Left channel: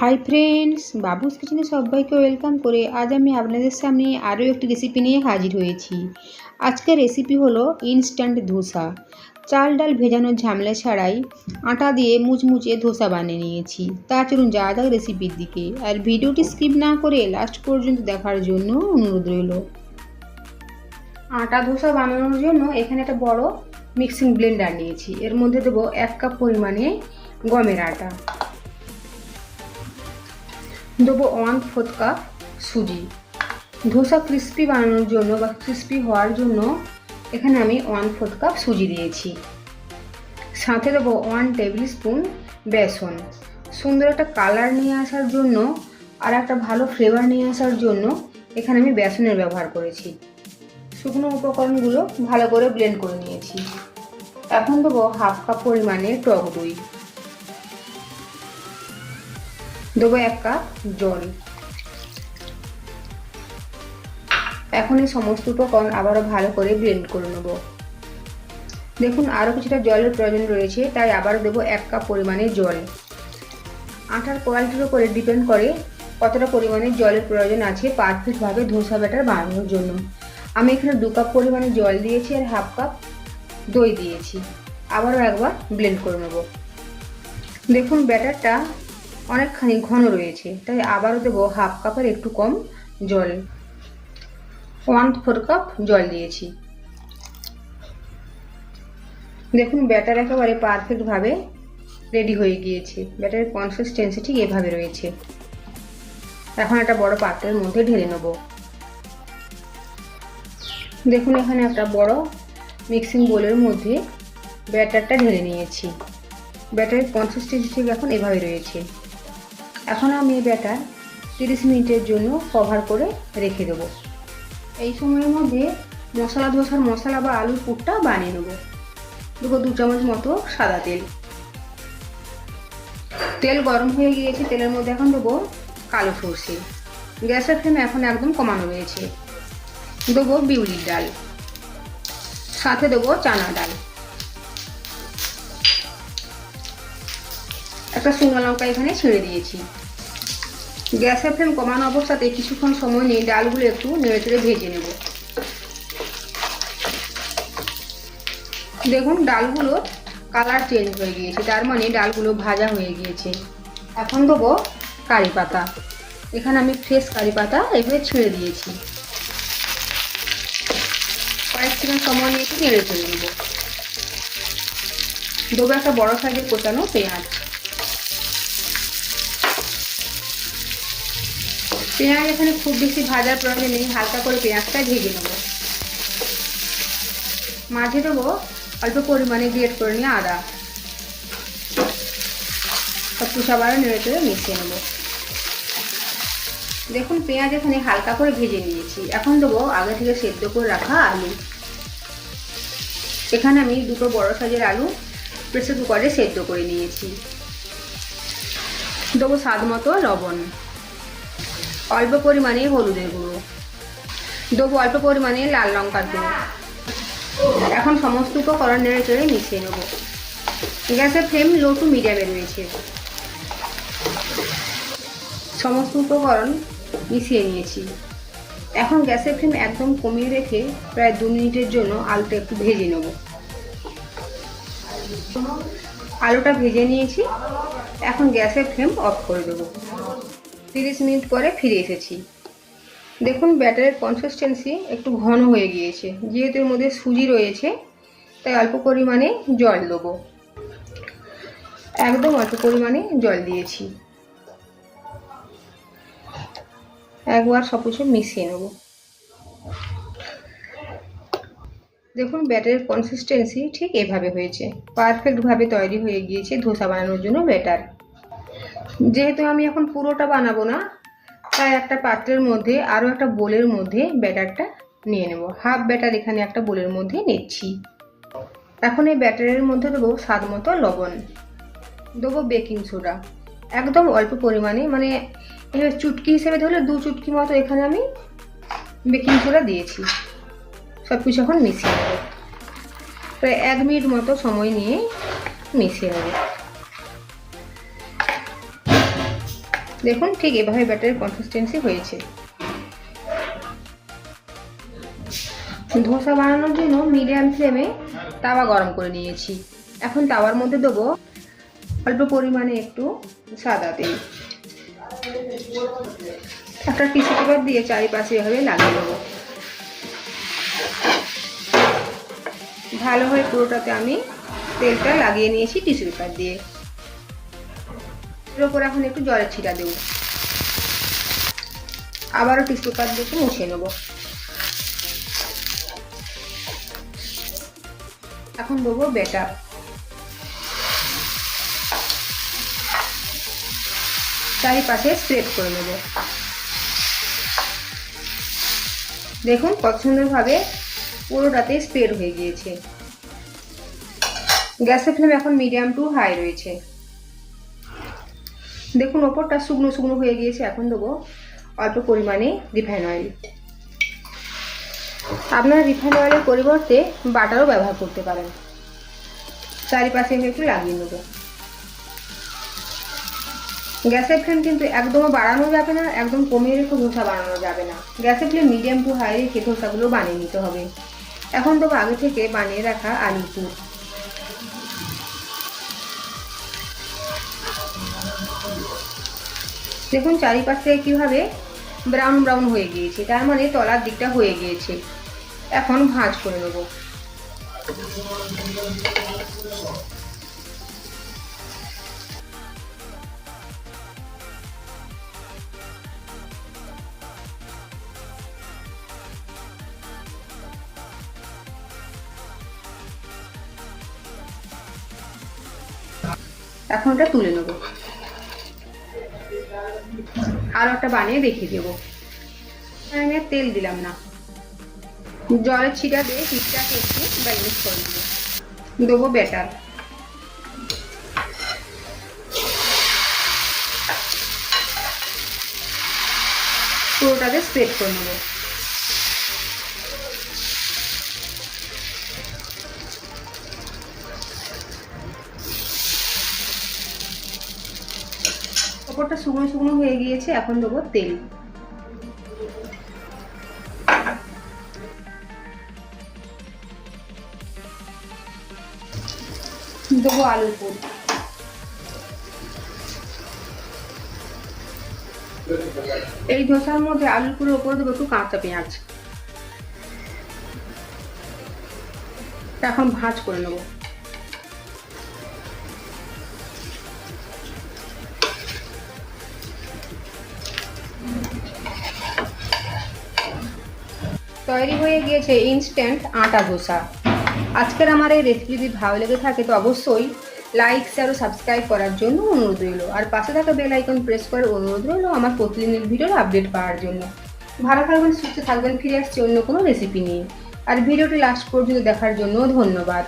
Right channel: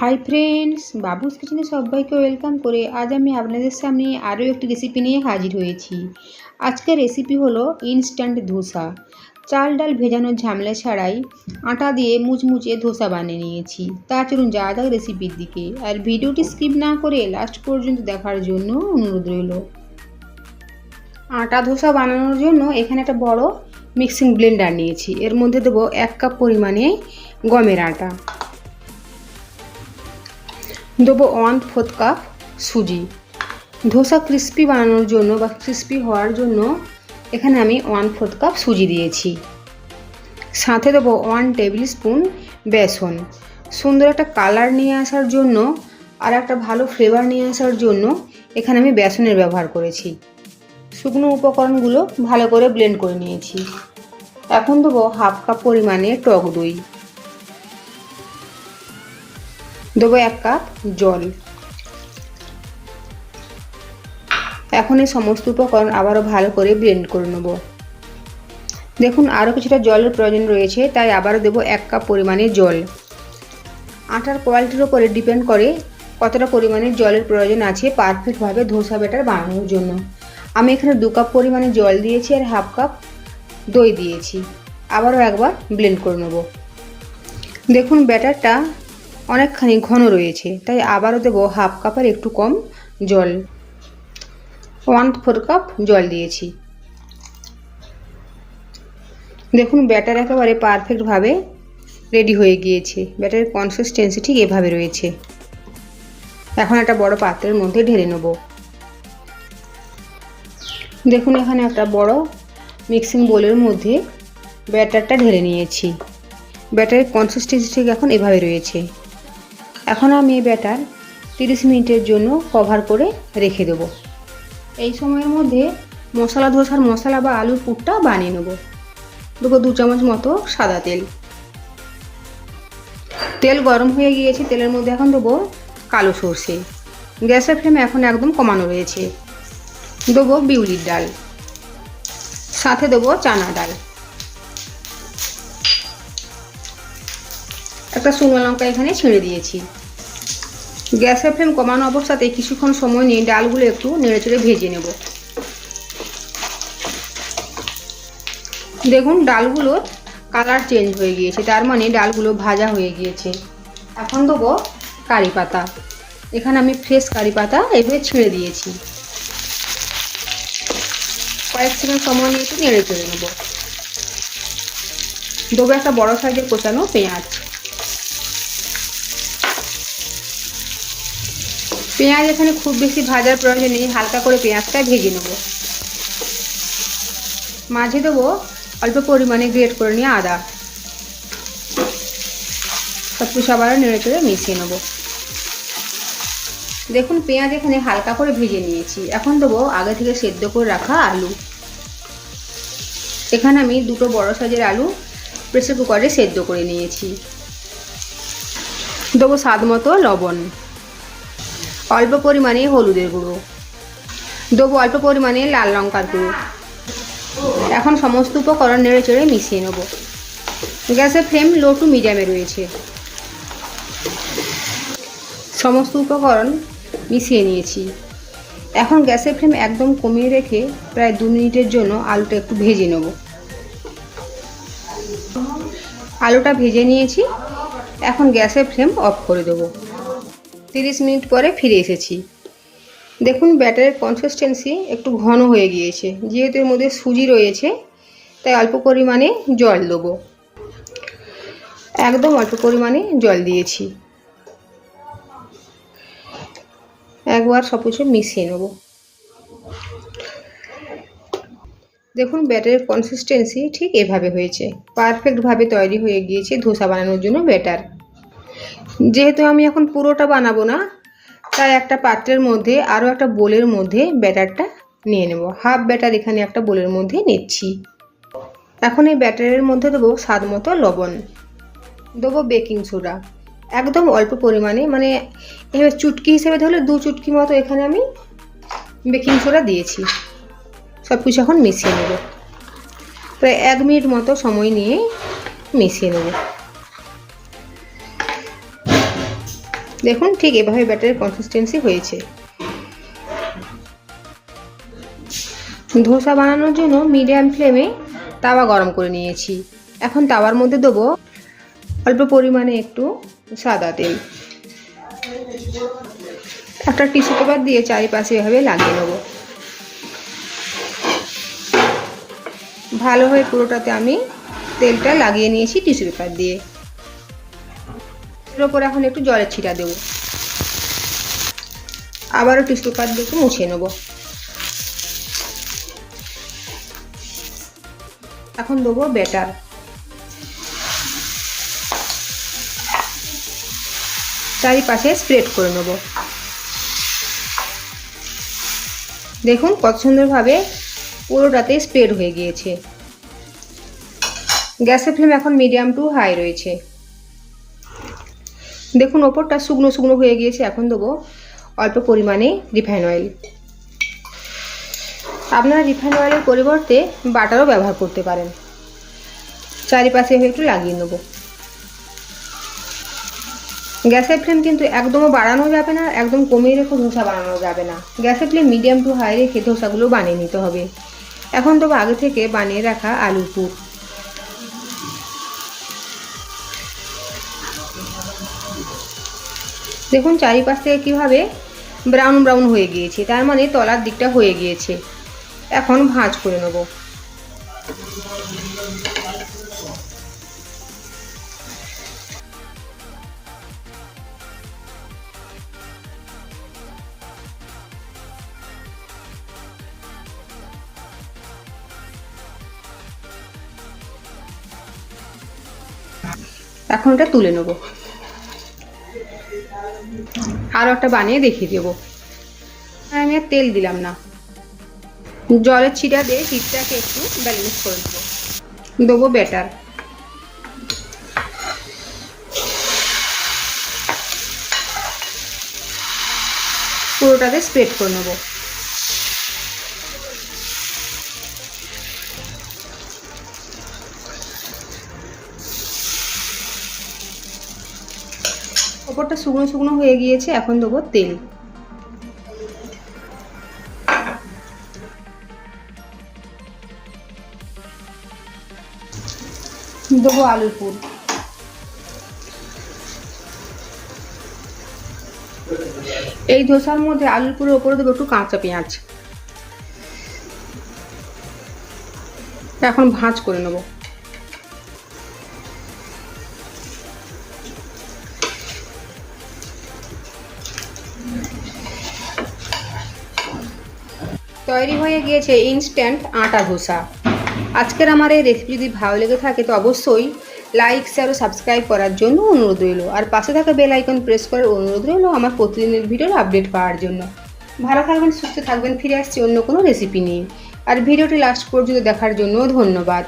Hi friends, বাবুস কিচেনে সবাইকে welcome করে আজ আমি আপনাদের সামনে আরও একটি রেসিপি নিয়ে হাজির হয়েছি। আজকের রেসিপি হলো ইনস্ট্যান্ট ধোসা। চাল ডাল ভেজানোর ঝামেলা ছাড়াই আটা দিয়ে মুচমুচে ধোসা বানিয়ে নিয়েছি। তা চলুন যাওয়া যাক রেসিপির দিকে, আর ভিডিওটি স্কিপ না করে লাস্ট পর্যন্ত দেখার জন্য অনুরোধ রইল। আটা ধোসা বানানোর জন্য এখানে একটা বড় মিক্সিং ব্লেন্ডার নিয়েছি। এর মধ্যে দেবো 1 কাপ পরিমাণে গমের আটা, দেবো 1/4 কাপ সুজি। ধোসা ক্রিস্পি বানানোর জন্য বা ক্রিস্পি হওয়ার জন্য এখানে আমি 1/4 কাপ সুজি দিয়েছি। সাথে দেবো 1 টেবিল স্পুন বেসন। সুন্দর একটা কালার নিয়ে আসার জন্য আর একটা ভালো ফ্লেভার নিয়ে আসার জন্য এখানে আমি বেসনের ব্যবহার করেছি। শুকনো উপকরণগুলো ভালো করে ব্লেন্ড করে নিয়েছি। এখন দেবো 1/2 কাপ পরিমাণে টক দই, দেবো 1 কাপ জল। এখন এই সমস্ত উপকরণ আবারও ভালো করে ব্লেন্ড করে নেব। দেখুন আরও কিছুটা জলের প্রয়োজন রয়েছে, তাই আবারও দেবো 1 কাপ পরিমাণে জল। আটার কোয়ালিটির উপরে ডিপেন্ড করে কতটা পরিমাণে জলের প্রয়োজন আছে পারফেক্টভাবে ধোসা ব্যাটার বানানোর জন্য। আমি এখানে 2 কাপ পরিমাণে জল দিয়েছি আর 1/2 কাপ দই দিয়েছি। আবারও একবার ব্লেন্ড করে নেব। দেখুন ব্যাটারটা অনেকখানি ঘন রয়েছে, তাই আবারও দেবো 1/2 কাপের একটু কম জল। 1/4 কাপ জল দিয়েছি। দেখুন ব্যাটার একেবারে পারফেক্টভাবে রেডি হয়ে গিয়েছে। ব্যাটারের কনসিস্টেন্সি ঠিক এভাবে রয়েছে। এখন একটা বড় পাত্রের মধ্যে ঢেলে নেব। দেখুন এখানে একটা বড় মিক্সিং বোলের মধ্যে ব্যাটারটা ঢেলে নিয়েছি। ব্যাটারের কনসিস্টেন্সি ঠিক এখন এভাবে রয়েছে। এখন আমি এই ব্যাটার 30 মিনিটের জন্য কভার করে রেখে দেবো। এই সময়ের মধ্যে মশলা ধোসার মশলা বা আলুর পুরটা বানিয়ে নেব। দেবো 2 চামচ মতো সাদা তেল। তেল গরম হয়ে গিয়েছে, তেলের মধ্যে এখন দেবো কালো সর্ষে। গ্যাসের ফ্লেম এখন একদম কমানো রয়েছে। দেবো বিউলির ডাল, সাথে দেবো চানা ডাল। একটা শুকনো লঙ্কা এখানে ছিঁড়ে দিয়েছি। গ্যাসের ফ্লেম কমানো অবস্থাতে কিছুক্ষণ সময় নিয়ে ডালগুলো একটু নেড়েচেড়ে ভেজে নেব। দেখুন ডালগুলোর কালার চেঞ্জ হয়ে গিয়েছে, তার মানে ডালগুলো ভাজা হয়ে গিয়েছে। এখন দেবো কারি পাতা। এখানে আমি ফ্রেশ কারি পাতা এভাবে ছিঁড়ে দিয়েছি। কয়েক সেকেন্ড সময় নিয়ে একটু নেড়ে চেড়ে নেব। দেবো একটা বড় সাইজের কোচানো পেঁয়াজ। পেঁয়াজ এখানে খুব বেশি ভাজার প্রয়োজন নেই, হালকা করে পেঁয়াজটা ভেজে নেব। মাঝে দেবো অল্প পরিমাণে গ্রেট করে নিয়ে আদা। সব কিছু আবার নেড়ে চেড়ে মিশিয়ে নেব। দেখুন পেঁয়াজ এখানে হালকা করে ভেজে নিয়েছি। এখন দেবো আগে থেকে সেদ্ধ করে রাখা আলু। এখানে আমি 2টো বড় সাইজের আলু প্রেসার কুকারে সেদ্ধ করে নিয়েছি। দেবো স্বাদ মতো লবণ, অল্প পরিমাণে হলুদের গুঁড়ো, দেবো অল্প পরিমাণে লাল লঙ্কার গুঁড়ো। এখন সমস্ত উপকরণ নেড়ে চেড়ে মিশিয়ে নেব। গ্যাসের ফ্লেম লো টু মিডিয়ামে রয়েছে। সমস্ত উপকরণ মিশিয়ে নিয়েছি। এখন গ্যাসের ফ্লেম একদম কমিয়ে রেখে প্রায় 2 মিনিটের জন্য আলুটা একটু ভেজে নেব। আলুটা ভেজে নিয়েছি। এখন গ্যাসের ফ্লেম অফ করে দেবো। 30 মিনিট পরে ফিরে এসেছি। দেখুন ব্যাটারের কনসিস্টেন্সি একটু ঘন হয়ে গিয়েছে। যেহেতু এর মধ্যে সুজি রয়েছে তাই অল্প পরিমাণে জল দেবো। একদম অল্প পরিমাণে জল দিয়েছি। একবার সব কিছু মিশিয়ে নেব। দেখুন ব্যাটারের কনসিস্টেন্সি ঠিক এভাবে হয়েছে। পারফেক্টভাবে তৈরি হয়ে গিয়েছে ধোসা বানানোর জন্য ব্যাটার। যেহেতু আমি এখন পুরোটা বানাবো না, তাই একটা পাত্রের মধ্যে আরও একটা বোলের মধ্যে ব্যাটারটা নিয়ে নেব। হাফ ব্যাটার এখানে একটা বোলের মধ্যে নিচ্ছি। এখন এই ব্যাটারের মধ্যে দেবো স্বাদ মতো লবণ, দেবো বেকিং সোডা একদম অল্প পরিমাণে, মানে এবার চুটকি হিসেবে ধরলে 2 চুটকি মতো এখানে আমি বেকিং সোডা দিয়েছি। সব কিছু এখন মিশিয়ে নেব। প্রায় 1 মিনিট মতো সময় নিয়ে মিশিয়ে নেব। দেখুন ঠিক এভাবে ব্যাটারের কনসিস্টেন্সি হয়েছে। ধোসা বানানোর জন্য মিডিয়াম ফ্লেমে তাওয়া গরম করে নিয়েছি। এখন তাওয়ার মধ্যে দেবো অল্প পরিমাণে একটু সাদা তেল। একটা টিস্যু পেপার দিয়ে চারিপাশে এভাবে লাগিয়ে নেব। ভালোভাবে পুরোটাতে আমি তেলটা লাগিয়ে নিয়েছি টিস্যু পেপার দিয়ে। এর ওপর এখন একটু জলের ছিটা দেব। আবারও টিস্যু পেপার দিয়ে মুছিয়ে নেব। এখন দেবো ব্যাটার। চারিপাশে স্প্রেড করে নেব। দেখুন কত সুন্দরভাবে পুরোটাতে স্প্রেড হয়ে গিয়েছে। গ্যাসের ফ্লেম এখন মিডিয়াম টু হাই রয়েছে। দেখুন ওপরটা শুকনো শুকনো হয়ে গিয়েছে। এখন দেবো অল্প পরিমাণে রিফাইন অয়েল। আপনারা রিফাইন অয়েলের পরিবর্তে বাটারও ব্যবহার করতে পারেন। চারিপাশে একটু লাগিয়ে নেব। গ্যাসের ফ্লেম কিন্তু একদমও বাড়ানো যাবে না, একদম কমিয়ে রেখে ধোসা বানানো যাবে না। গ্যাসের ফ্লেম মিডিয়াম টু হাই রেখে ধোসাগুলো বানিয়ে নিতে হবে। এখন দেবো আগে থেকে বানিয়ে রাখা আলুর পুর। দেখুন চারিপাশ থেকে কীভাবে ব্রাউন ব্রাউন হয়ে গিয়েছে, তার মানে তলার দিকটা হয়ে গিয়েছে। এখন ভাঁজ করে নেব। এখন এটা তুলে নেব। আরও একটা বানিয়ে দেখিয়ে দেবো। আমি আর তেল দিলাম না, জলের ছিটা দিয়ে হিটটাকে একটু ব্যালেন্স করে দেবো। দেবো ব্যাটার। পুরোটাতে স্প্রেড করে নেব। ওপরটা শুকনো শুকনো হয়ে গিয়েছে। এখন দেবো তেল। দেবো আলুর পুর। এই ধোসার মধ্যে আলুর পুরের ওপরে দেবো একটু কাঁচা পেঁয়াজ। এখন ভাঁজ করে নেব। তৈরি হয়ে গিয়েছে ইনস্ট্যান্ট আটা ধোসা। আজকের আমার এই রেসিপি যদি ভালো লেগে থাকে তো অবশ্যই লাইক শেয়ার ও সাবস্ক্রাইব করার জন্য অনুরোধ রইল। আর পাশে থাকা বেল আইকন প্রেস করার অনুরোধ রইল আমার প্রতিদিনের ভিডিওর আপডেট পাওয়ার জন্য। ভালো থাকবেন, সুস্থ থাকবেন। ফিরে আসছি অন্য কোনো রেসিপি নিয়ে। আর ভিডিওটি লাস্ট পর্যন্ত দেখার জন্য ধন্যবাদ।